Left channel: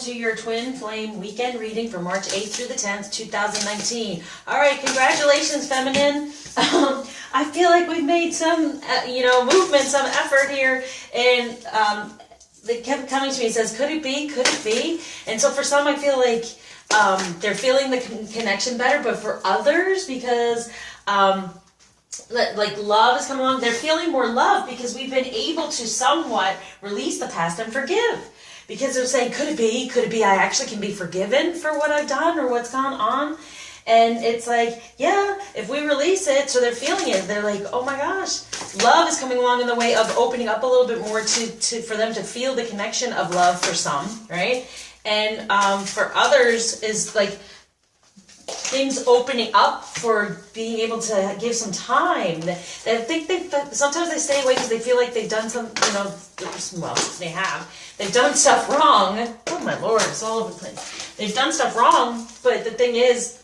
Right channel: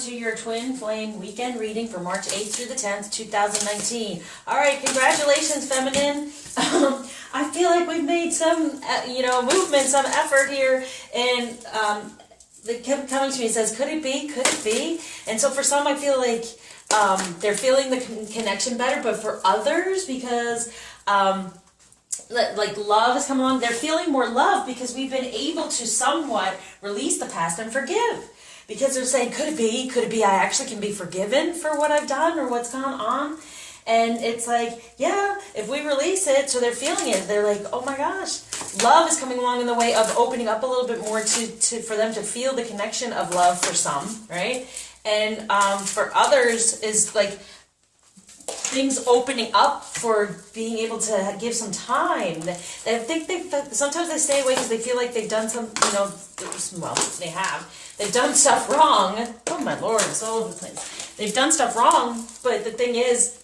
to your Twin Flame weekend reading for March 8th through the 10th, 2019. All right, congratulations, Feminine. I feel like we've made some, movement, some effort here, and it kept coming to me and says, could it be? Could it be? And so for some, I feel like they're feeling the connection better, but for others, because like love is coming along, they're feeling more love because we've been able to somewhat release the past and forgive. Because they're saying, could it be? Could it be I actually can be forgiven for what I've done or what's gone on? And it's like, yeah, if we release it, so they're feeling it. They're like, oh my gosh, love is coming along in the way of opening up a little bit more for them to feel the connection of love for some, right? And for others is like things opening up for being able to give some time. I think sometimes they stay away because they feel like they've done some, they have. They've done stuff wrong. Oh my Lord, it's all over the place. They've done stuff wrong, but the thing is,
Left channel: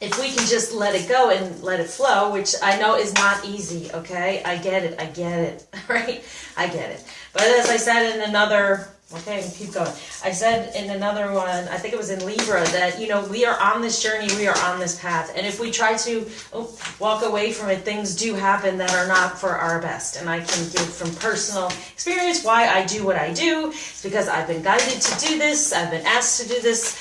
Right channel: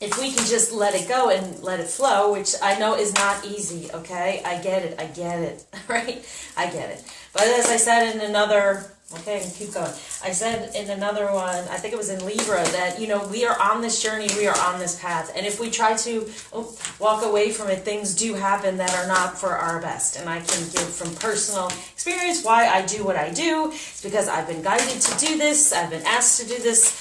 if we can just let it go and let it flow, which I know is not easy, okay? I get it, right? I get it. But as I said in another, okay, keep going. I said in another one, I think it was in Libra, that, we are on this journey, we are on this path. And if we try to walk away from it, things do happen that are not for our best. And I can give from personal experience why I do what I do. It's because I've been guided to do this, I've been asked to do this.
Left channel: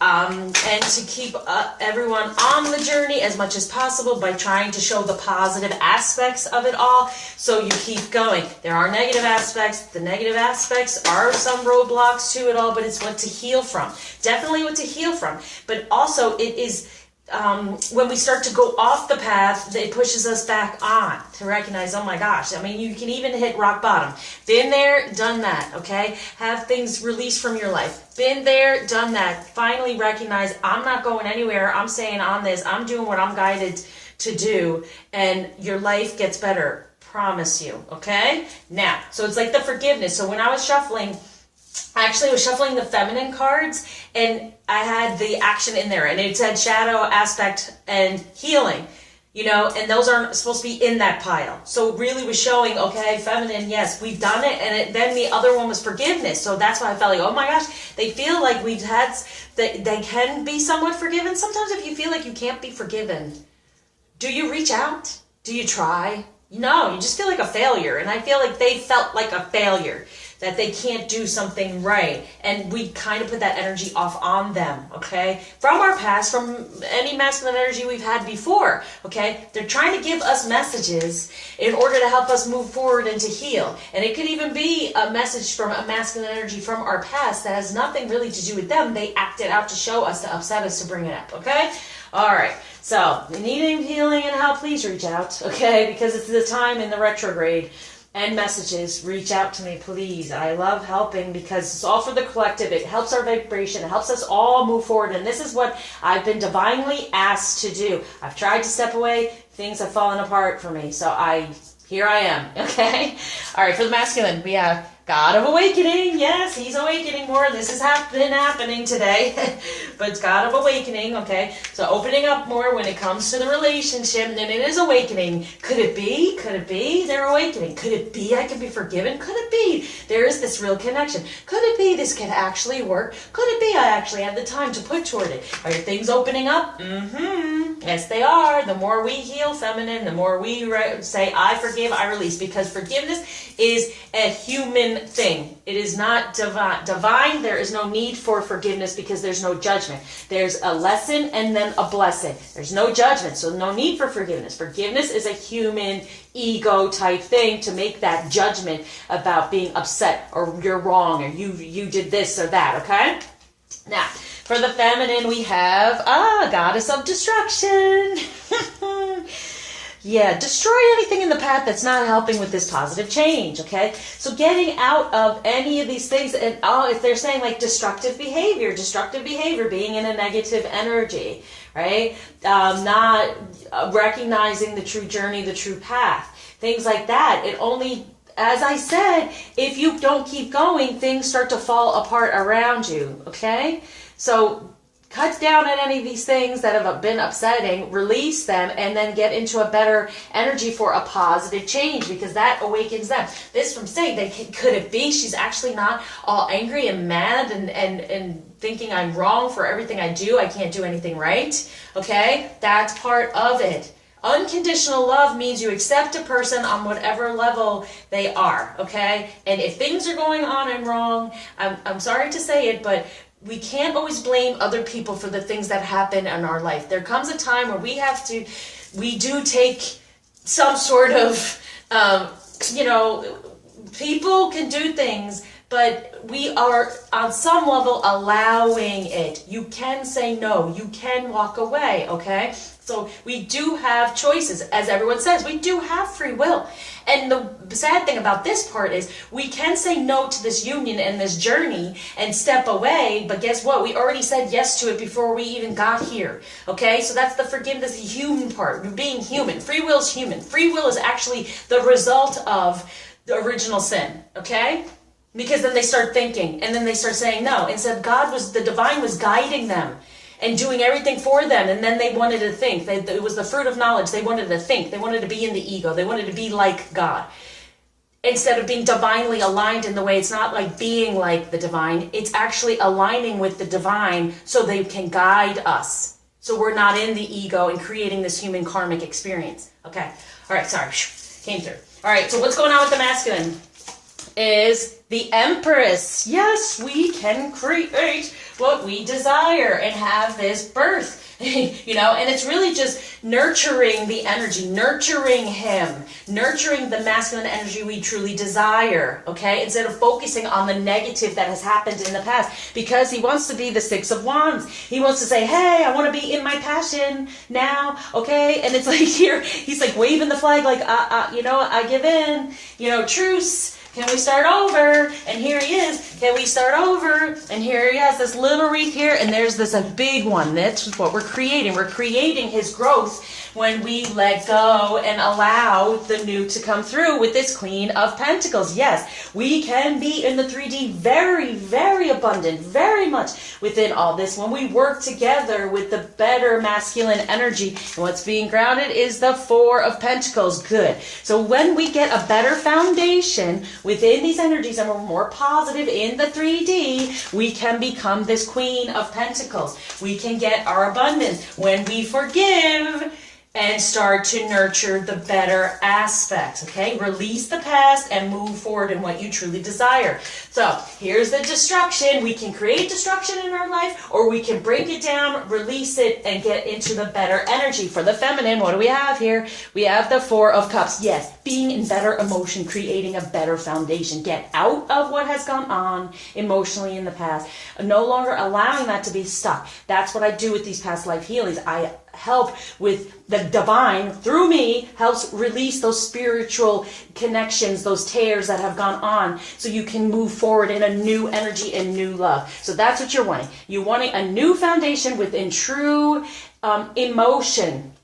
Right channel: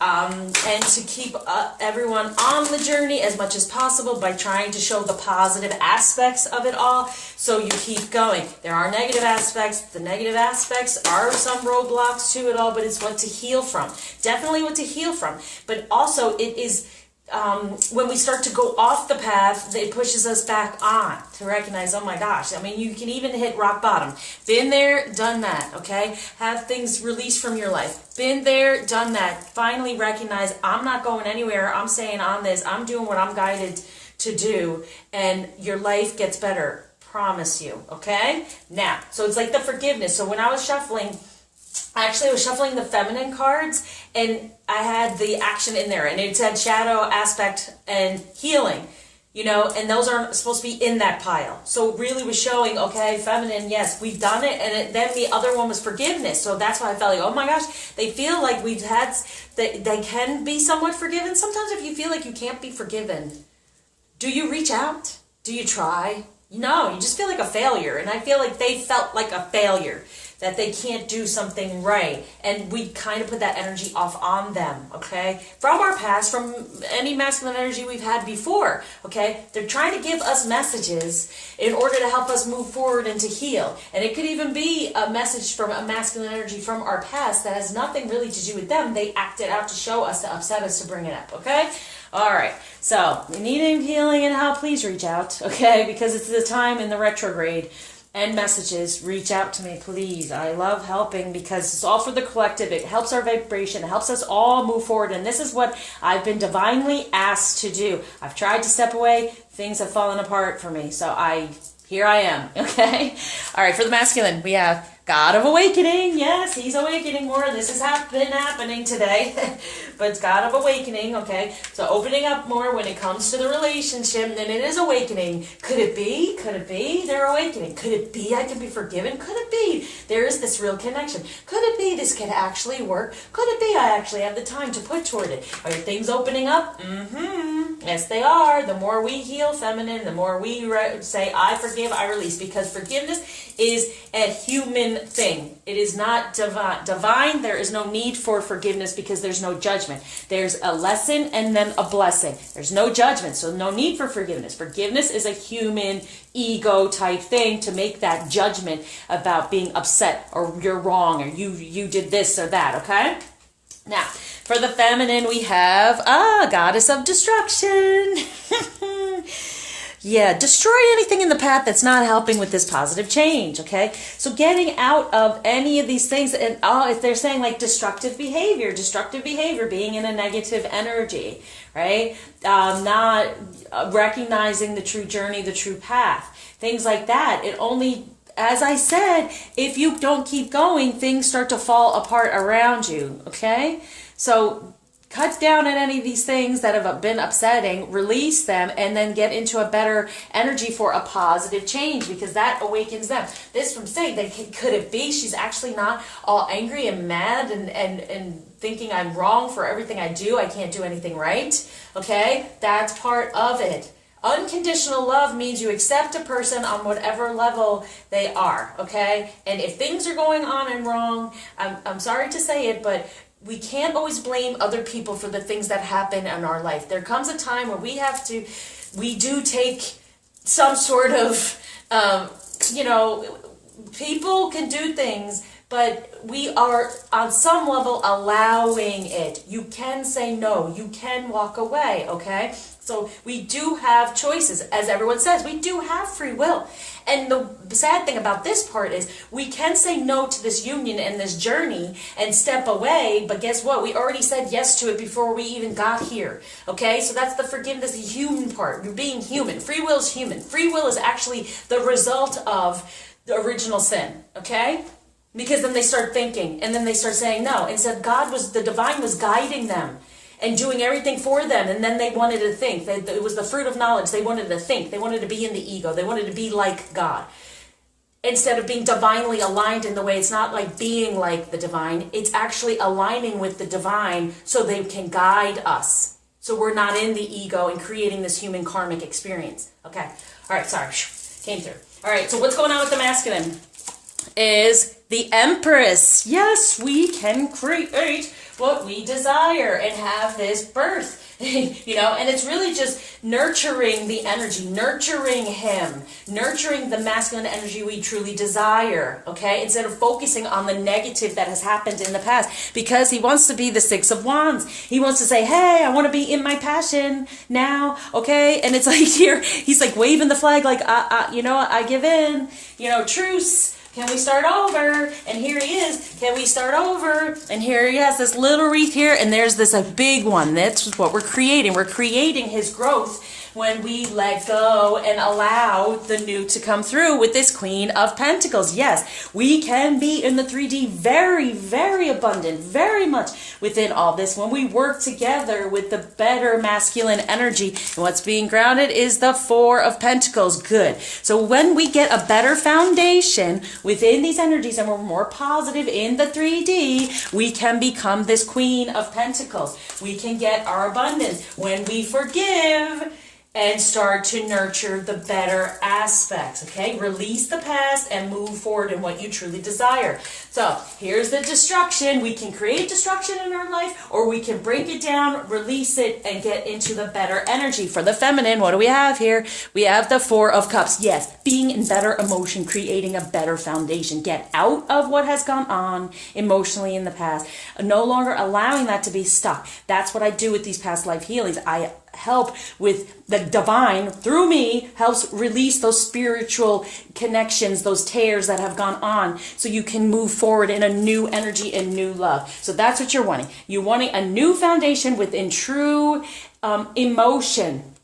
And to keep everyone on the journey as much as possible by trying to show the positive aspects of it all, so you keep going. There are negative aspects. The negative aspects are some roadblocks to it all, but it's what to heal from. Definitely what to heal from. But also it is when we start to go off the path, it pushes us back on to recognize, oh my gosh, you can even hit rock bottom. Been there, done that, okay? Have things released from your life. Been there, done that. Finally recognize, I'm not going anywhere. I'm staying on this. I'm doing what I'm guided to do, and your life gets better. Promise you, okay? Now, so it's like the forgiveness. So when I was shuffling, actually, I was shuffling the feminine cards, and I had the action in there, and it said shadow, aspect, and healing, and those aren't supposed to be in that pile. So it really was showing, okay, feminine, yes, we've done it, and then the other one was forgiveness. So that's why I felt like, oh my gosh, they feel like they can be somewhat forgiven. Sometimes if you feel like you can't be forgiven, do you reach out? Do you try? No, you just feel like a failure, and I feel like they felt like a failure, that they can't do something right, and we kind of put that energy off on them, okay? From our past, from any masculine energy we've had before, okay? They're trying to give us messages in order to help us move forward and to heal, and it could even be a message from a masculine energy from our past that has nothing really to do with them. They acted out to show us, to upset us, to bring it up, okay? All right, so if you need any healing and help, please reach out, okay? Because it's the time in the retrograde and messages. Reach out to me, please. I love helping because it's all for the collective. It helps our vibration. It helps us all move forward. And this is what I've been divinely asked to do. I've tried to step away. Things have fallen apart for me. So here I am, okay? All right, for the masculine, we have God of Awakening. Yes, he's awakening more. This has been happening today. But it's God of Awakening, okay? So opening up more when it comes to the relationship, and then it is awakening. Could it be? Could it be they're awakening? Could it be I can be forgiven? Could it be there is this real connection? Could it be this can actually work? Could it be I actually have the time to put toward it? Are your things opening up? Yes, they are. The more we heal, feminine, the more we say, I forgive, I release. Because forgiveness is a human thing. It is not divine. There is no need for forgiveness because there's no judgment. There's a lesson and then a blessing. There's no judgment, so no need for forgiveness. Forgiveness is a human ego type thing to make that judgment about being upset or you're wrong or you did this or that, okay? Now, for the feminine, we have Goddess of Destruction. Yeah, destroy anything in the path that's not helping with this positive change, okay? So getting out of any of these things, and if they're saying like destructive behavior, being in a negative energy, right? Not recognizing the true journey, the true path, things like that. It only, as I said, if you don't keep going, things start to fall apart around you, okay? So cut down on any of these things that have been upsetting, release them, and then get into a better energy for a positive change, because that awakens them. This from saying that could it be she's actually not all angry and mad and thinking I'm wrong for everything I do, I can't do anything right, okay? That's part of it. Unconditional love means you accept a person on whatever level they are, okay? And if things are going on and wrong, I'm sorry to say it, but we can't always blame other people for the things that happen in our life. There comes a time where we do take some sort of, people can do things, but we are on some level allowing it. You can say no, you can walk away, okay? So we do have choices. As everyone says, we do have free will. And the sad thing about this part is we can say no to this union and this journey and step away, but guess what? We already said yes to it before we even got here. Okay? So that's the forgiveness, the human part. You're being human. Free will is human. Free will is actually the result of the original sin. Okay? Because then they start thinking, and then they start saying no. Instead, the divine was guiding them and doing everything for them, and then they wanted to think. It was the fruit of knowledge. They wanted to think. They wanted to be in the ego. They wanted to be like God. Instead of being divinely aligned in the way, it's not like being like the divine. It's actually aligning with the divine so they can guide us. So we're not in the ego and creating this human karmic experience. Okay. All right. Sorry. Came through. All right. So what's going on with the masculine is the Empress. Yes, we can create what we desire and have this birth, and it's really just nurturing the energy, nurturing him, nurturing the masculine energy we truly desire, okay, instead of focusing on the negative that has happened in the past, because he wants to be the Six of Wands. He wants to say, hey, I want to be in my passion now, okay, and it's like here, he's like waving the flag like, I give in, truce. Can we start over? And here he is. Can we start over? And here he has this little wreath here, and there's a big one. That's what we're creating. We're creating his growth when we let go and allow the new to come through with this Queen of Pentacles. Yes, we can be in the 3D very, very abundant, very much within all this when we work together with the better masculine energy. And what's being grounded is the Four of Pentacles. Good. So when we get a better foundation within these energies and we're more positive in the 3D, we can become this Queen of Pentacles. We can get our abundance when we forgive and start to nurture the better aspects, okay? Release the past and move forward in what you truly desire. So here's the destruction. We can create destruction in our life, or we can break it down, release it, and get into the better energy. For the feminine, what do we have here? We have the Four of Cups. Yes, being in better emotion, creating a better foundation. Get out of what has gone on emotionally in the past. No longer allowing that to be stuck. That's what I do with these past life healings. I help with the divine through me, helps release those spiritual connections, those tears that have gone on, so you can move forward in a new energy and new love. So that's what you're wanting. You're wanting a new foundation within true emotion,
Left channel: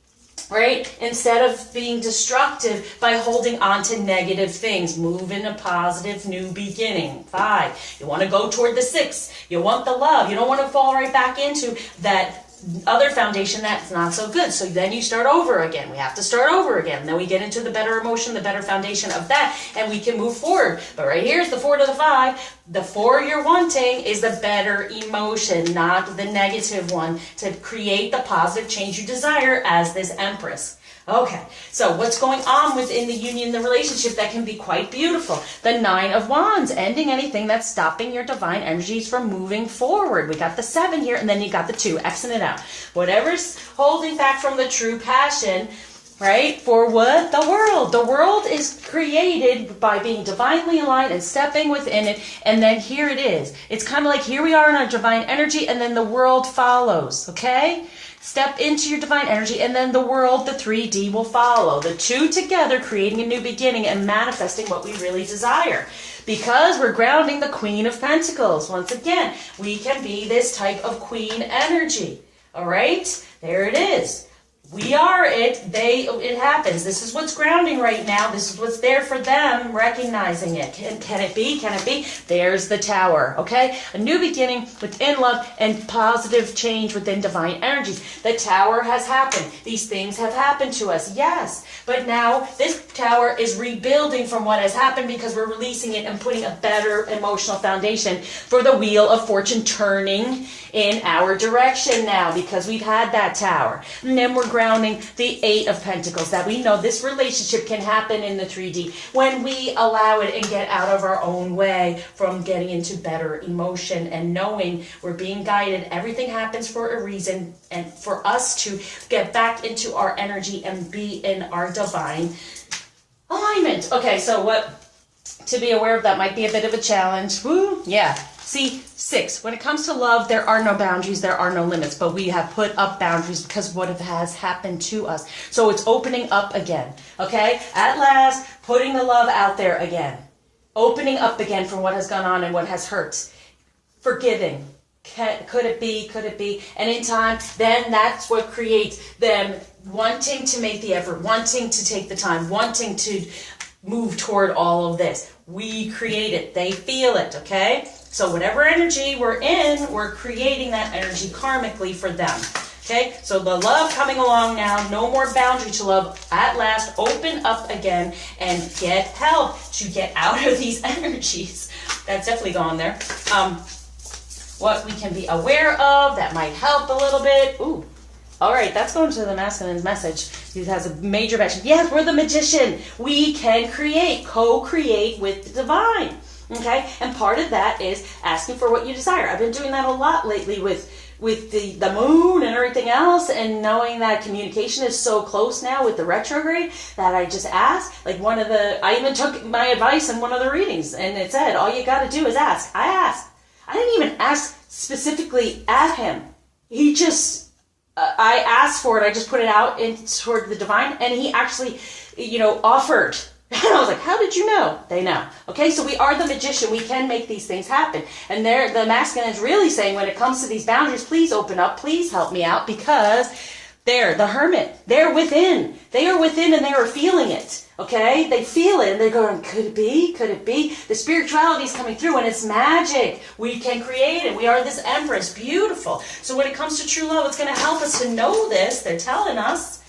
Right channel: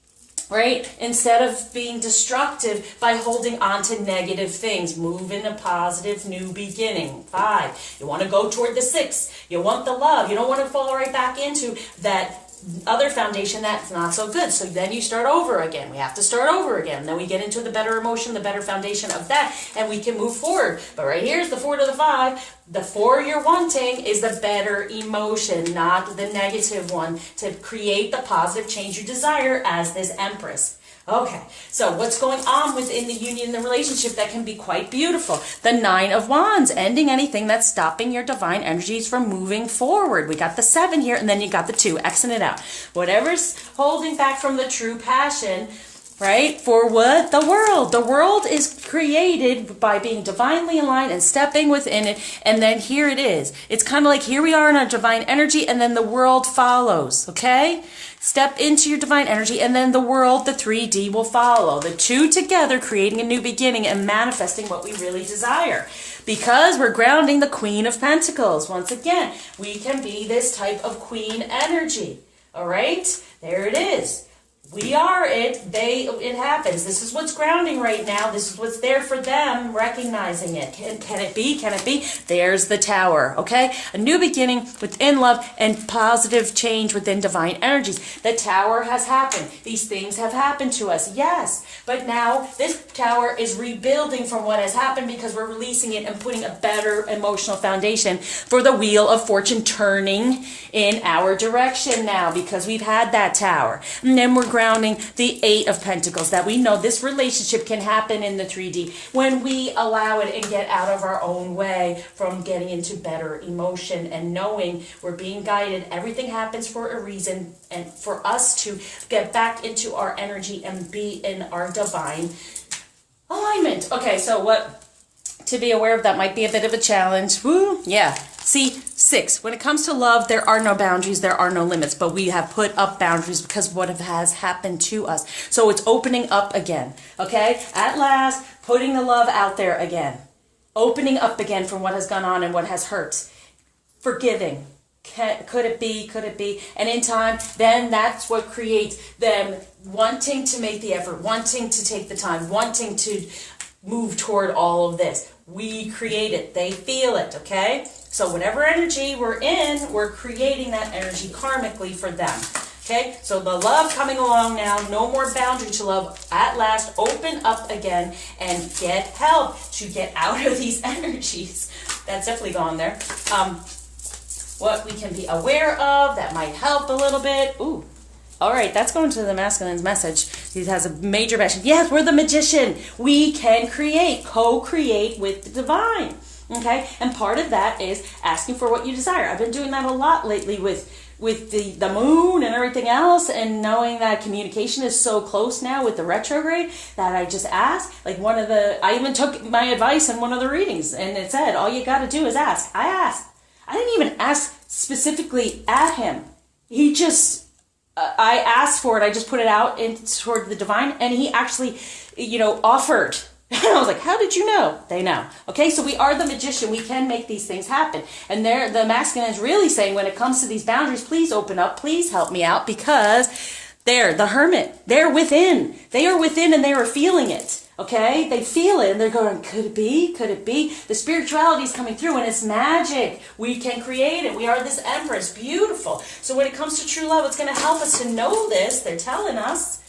right? Instead of being destructive by holding on to negative things. Move in a positive new beginning. 5. You want to go toward the 6. You want the love. You don't want to fall right back into that other foundation that's not so good. So then you start over again. We have to start over again. Then we get into the better emotion, the better foundation of that, and we can move forward. But right here's the 4 to the 5. The 4 you're wanting is the better emotion, not the negative one, to create the positive change you desire as this Empress. Okay, so what's going on within the union, the relationship that can be quite beautiful? The 9 of Wands, ending anything that's stopping your divine energies from moving forward. We got the 7 here, and then you got the 2, Xing it out. Whatever's holding back from the true passion, right? For what? The world. The world is created by being divinely aligned and stepping within it, and then here it is. It's kind of like here we are in our divine energy, and then the world follows, okay? Step into your divine energy, and then the world, the 3D, will follow. The 2 together, creating a new beginning and manifesting what we really desire. Because we're grounding the Queen of Pentacles. Once again, we can be this type of queen energy. All right? There it is. We are it. It happens. This is what's grounding right now. This is what's there for them, recognizing it. Can it be? Can it be? There's the Tower, okay? A new beginning within love and positive change within divine energies. The Tower has happened. These things have happened to us, yes. But now this Tower is rebuilding from what has happened because we're releasing it and putting a better emotional foundation for the Wheel of Fortune turning in our direction now because we've had that Tower. And then we're grounding the Eight of Pentacles, that we know this relationship can happen in the 3D when we allow it and get out of our own way from getting into better emotion and knowing we're being guided. Everything happens for a reason, and for us to get back into our energy and be in our divine alignment. Okay, so what to be aware of that might be a bit of a challenge. Woo, yeah. See, 6, when it comes to love, there are no boundaries, there are no limits, but we have put up boundaries because of what has happened to us. So it's opening up again, okay? At last, putting the love out there again. Opening up again from what has gone on and what has hurt. Forgiving. Could it be? Could it be? And in time, then that's what creates them wanting to make the effort, wanting to take the time, wanting to move toward all of this. We create it. They feel it, okay? So whatever energy we're in, we're creating that energy karmically for them. Okay? So the love coming along now, no more boundary to love. At last, open up again and get help to get out of these energies. That's definitely gone there. What we can be aware of, that might help a little bit. Ooh. All right, that's going to the masculine's message. He has a major passion. Yes, we're the magician. We can create, co-create with the divine. Okay, and part of that is asking for what you desire. I've been doing that a lot lately with the moon and everything else, and knowing that communication is so close now with the retrograde that I just ask. Like I even took my advice in one of the readings, and it said, all you got to do is ask. I asked. I didn't even ask specifically at him. He just, I asked for it. I just put it out toward the divine, and he actually, offered. And I was like, how did you know? They know. Okay, so we are the magician. We can make these things happen. And the masculine is really saying, when it comes to these boundaries, please open up. Please help me out, because they're the hermit. They're within. They are within, and they are feeling it. Okay, they feel it, and they're going, could it be? Could it be? The spirituality is coming through, and it's magic. We can create it. We are this empress. Beautiful. So when it comes to true love, it's going to help us to know this. They're telling us.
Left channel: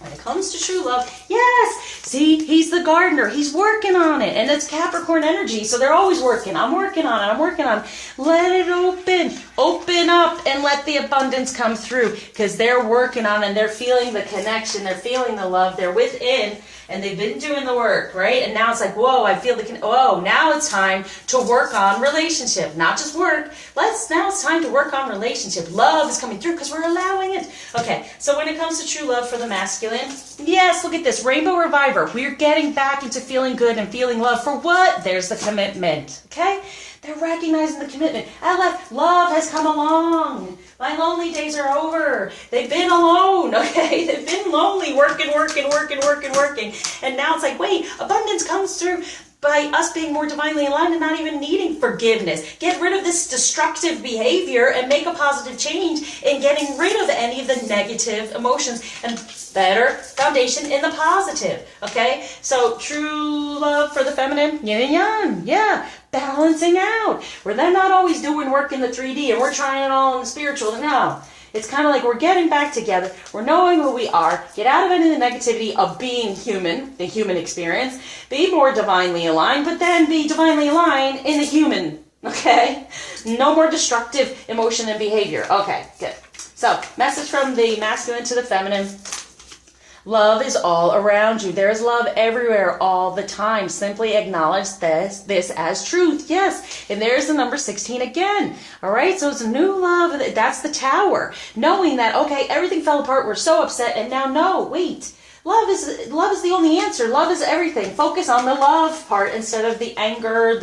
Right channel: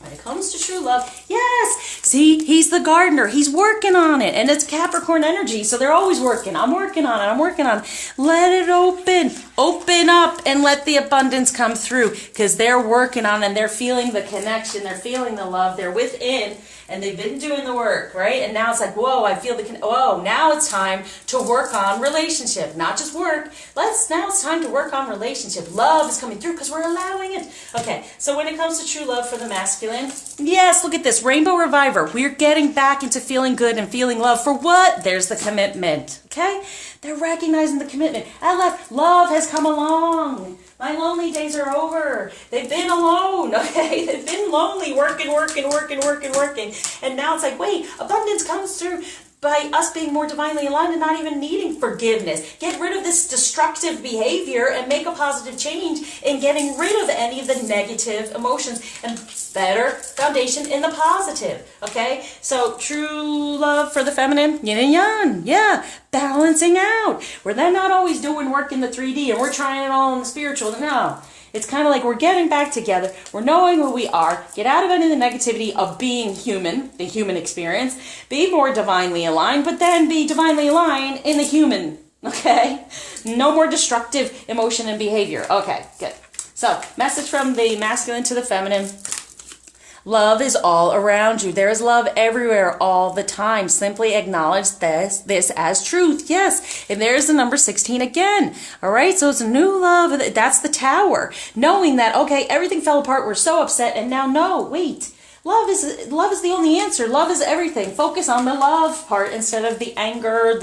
When it comes to true love, yes. See, he's the gardener. He's working on it. And it's Capricorn energy, so they're always working. I'm working on it. I'm working on it. Let it open. Open up and let the abundance come through, because they're working on it, and they're feeling the connection. They're feeling the love. They're within, and they've been doing the work, right? And now it's like, whoa, I feel now it's time to work on relationship. Not just work. Now it's time to work on relationship. Love is coming through because we're allowing it. Okay, so when it comes to true love for the masculine, yes, look at this. Rainbow Reviver. We're getting back into feeling good and feeling love for what? There's the commitment, okay? They're recognizing the commitment. Love has come along. My lonely days are over. They've been alone, okay? They've been lonely, working. And now it's like, wait, abundance comes through by us being more divinely aligned and not even needing forgiveness. Get rid of this destructive behavior and make a positive change in getting rid of any of the negative emotions and better foundation in the positive, okay? So true love for the feminine, yin and yang, yeah, balancing out. Where they're not always doing work in the 3D and we're trying it all in the spiritual. No. It's kind of like we're getting back together. We're knowing who we are. Get out of any of the negativity of being human, the human experience. Be more divinely aligned, but then be divinely aligned in the human, okay? No more destructive emotion and behavior. Okay, good. So, message from the masculine to the feminine. Love is all around you. There is love everywhere all the time. Simply acknowledge this as truth. Yes. And there's the number 16 again. All right. So it's a new love. That's the Tower. Knowing that, okay, everything fell apart. We're so upset. And now, no, wait. Love is the only answer. Love is everything. Focus on the love part instead of the anger,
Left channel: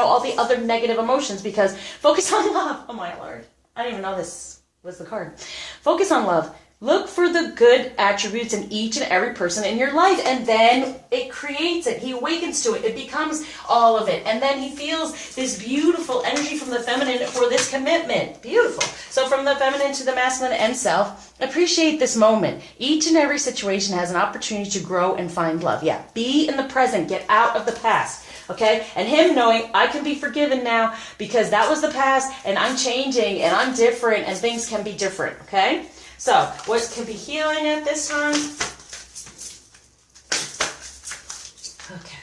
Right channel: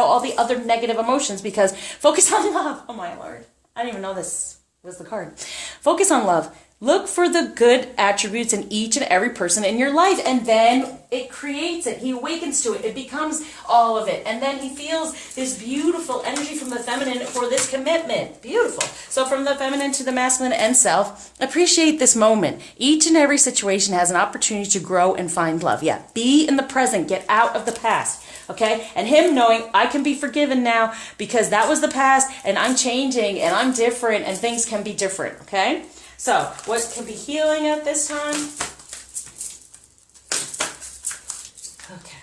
all the other negative emotions, because focus on love. Oh my Lord. I didn't even know this was the card. Focus on love. Look for the good attributes in each and every person in your life, and then it creates it. He awakens to it. It becomes all of it. And then he feels this beautiful energy from the feminine for this commitment. Beautiful. So from the feminine to the masculine and self, appreciate this moment. Each and every situation has an opportunity to grow and find love. Yeah, be in the present. Get out of the past. Okay? And him knowing, I can be forgiven now because that was the past, and I'm changing, and I'm different, and things can be different. Okay? So, what can be healing at this time? Okay.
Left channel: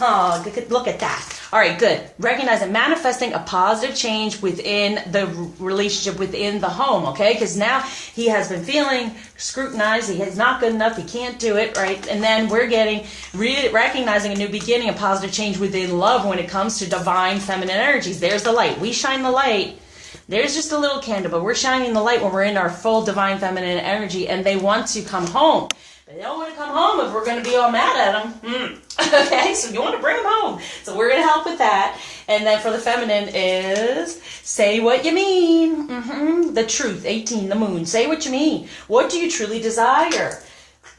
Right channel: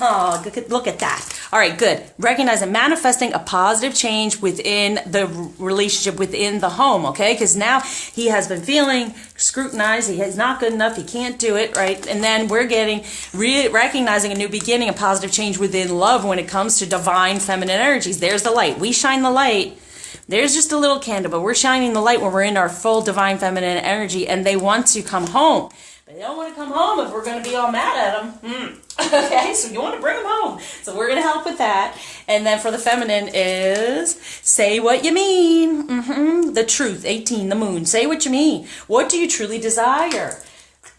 Oh, look at that. All right, good. Recognize and manifesting a positive change within the relationship, within the home, okay? Because now he has been feeling scrutinized. He is not good enough. He can't do it, right? And then we're getting, recognizing a new beginning, a positive change within love when it comes to divine feminine energies. There's the light. We shine the light. There's just a little candle, but we're shining the light when we're in our full divine feminine energy, and they want to come home. But they don't want to come home if we're going to be all mad at them. Okay, so you want to bring them home. So we're going to help with that. And then for the feminine is say what you mean. The truth, 18, the moon. Say what you mean. What do you truly desire?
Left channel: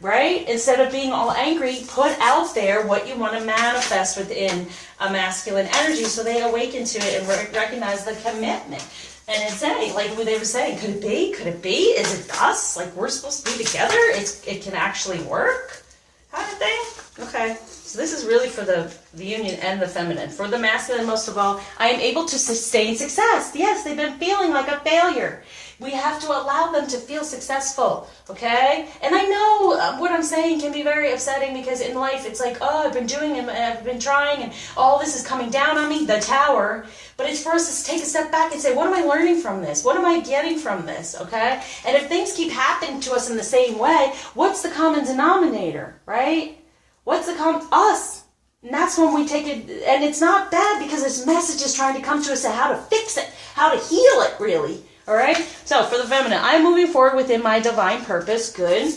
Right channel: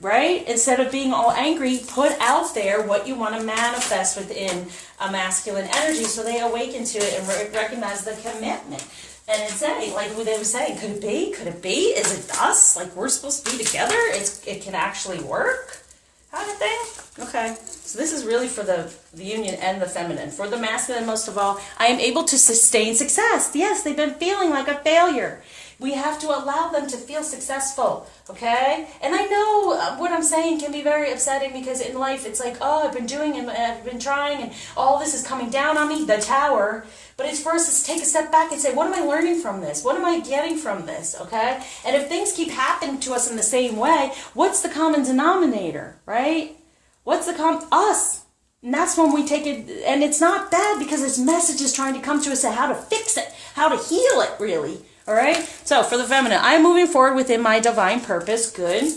Right? Instead of being all angry, put out there what you want to manifest within a masculine energy so they awaken to it and recognize the commitment. And it's saying, like they were saying, could it be? Could it be? Is it us? Like we're supposed to be together? It can actually work? Kind of thing? Okay. So this is really for the union and the feminine. For the masculine, most of all, I am able to sustain success. Yes, they've been feeling like a failure. We have to allow them to feel successful, okay? And I know what I'm saying can be very upsetting because in life it's like, oh, I've been doing and I've been trying and all this is coming down on me, the tower. But it's for us to take a step back and say, what am I learning from this? What am I getting from this, okay? And if things keep happening to us in the same way, what's the common denominator, right? What's us? And that's when we take it, and it's not bad because there's messages trying to come to us on how to fix it, how to heal it, really. All right? So for the feminine, I'm moving forward within my divine purpose. Good.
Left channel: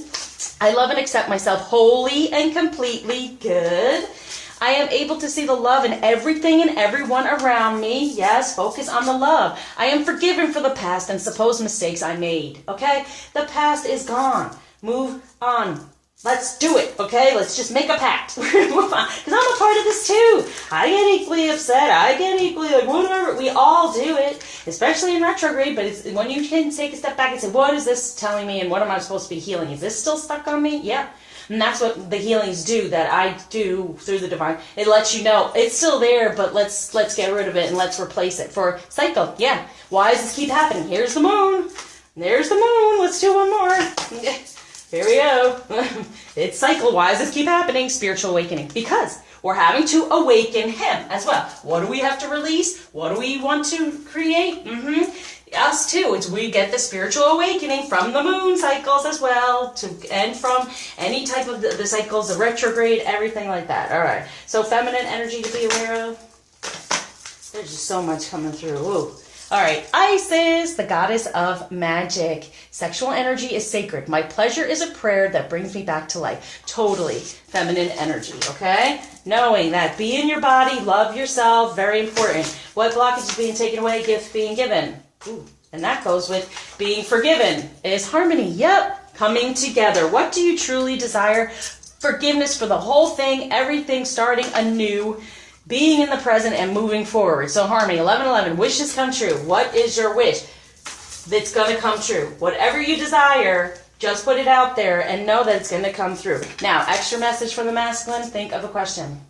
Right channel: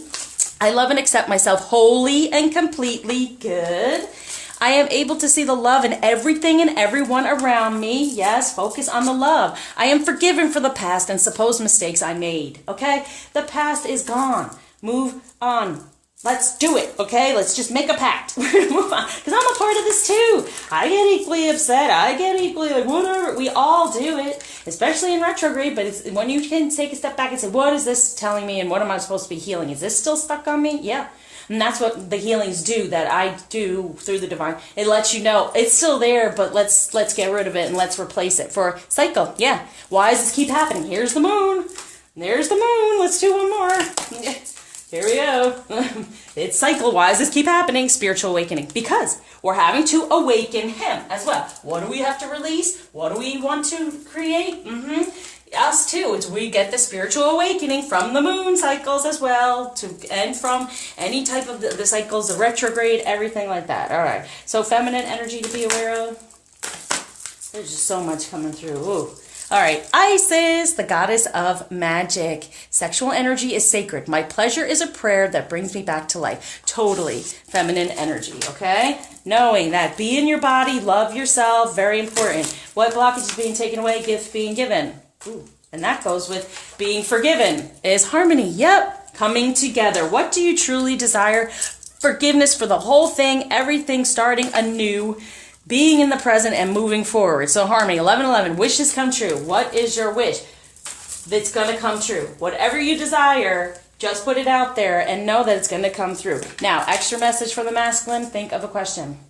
I love and accept myself wholly and completely. Good. I am able to see the love in everything and everyone around me. Yes, focus on the love. I am forgiven for the past and supposed mistakes I made. Okay? The past is gone. Move on. Let's do it, okay? Let's just make a pact. We're going to move on. Because I'm a part of this too. I get equally upset. I get equally like, whatever. We all do it, especially in retrograde. But it's when you can take a step back and say, what is this telling me and what am I supposed to be healing? Is this still stuck on me? Yeah. And that's what the healings do that I do through the divine. It lets you know it's still there, but let's get rid of it and let's replace it. For cycle, yeah. Why does this keep happening? Here's the moon. There's the moon. Let's do one more. Here we go. It's cycle. Why does this keep happening? Spiritual awakening. Because we're having to awaken him as well. What do we have to release? What do we want to create? Us too. We get the spiritual awakening from the moon cycles as well, and from any type of the cycles, the retrograde, everything like that. All right. So feminine energy to be aware of. There's just so much coming through. Ooh. All right, Isis, the goddess of magic. Sexual energy is sacred. My pleasure is a prayer that brings me back to life. Totally feminine energy, okay? Knowing that be in your body, love yourself, very important. What blockage is being taken away, gift being given. Ooh, and that goes with being forgiven. Is harmony, yep, coming together. What do you truly desire? Forgiveness for the whole thing, everything starting anew. Being in the present and moving forward. So harmony, 11:11, wishes come true. What is your wish that's going to come true? Whatever you desire, just put it out there and know that it's going to come through. Now, extra message for the masculine, think of a question.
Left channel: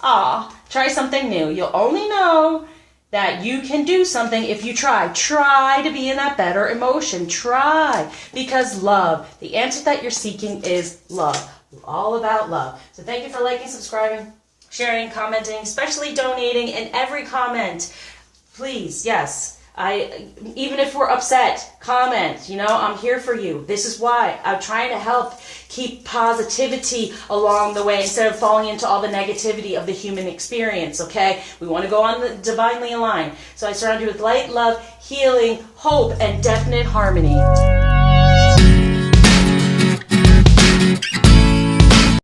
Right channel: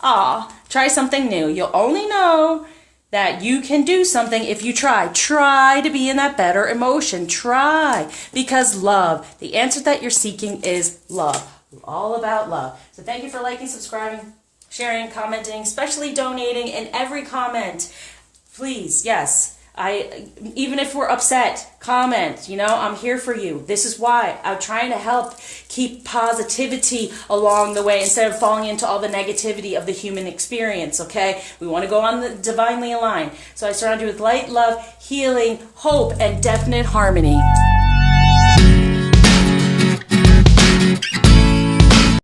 Try something new. You'll only know that you can do something if you try. Try to be in that better emotion. Try. Because love, the answer that you're seeking is love. All about love. So thank you for liking, subscribing, sharing, commenting, especially donating in every comment. Please, yes. Even if we're upset, comment. I'm here for you. This is why. I'm trying to help keep positivity along the way instead of falling into all the negativity of the human experience, okay? We want to go on the divinely aligned. So I surround you with light, love, healing, hope, and definite harmony.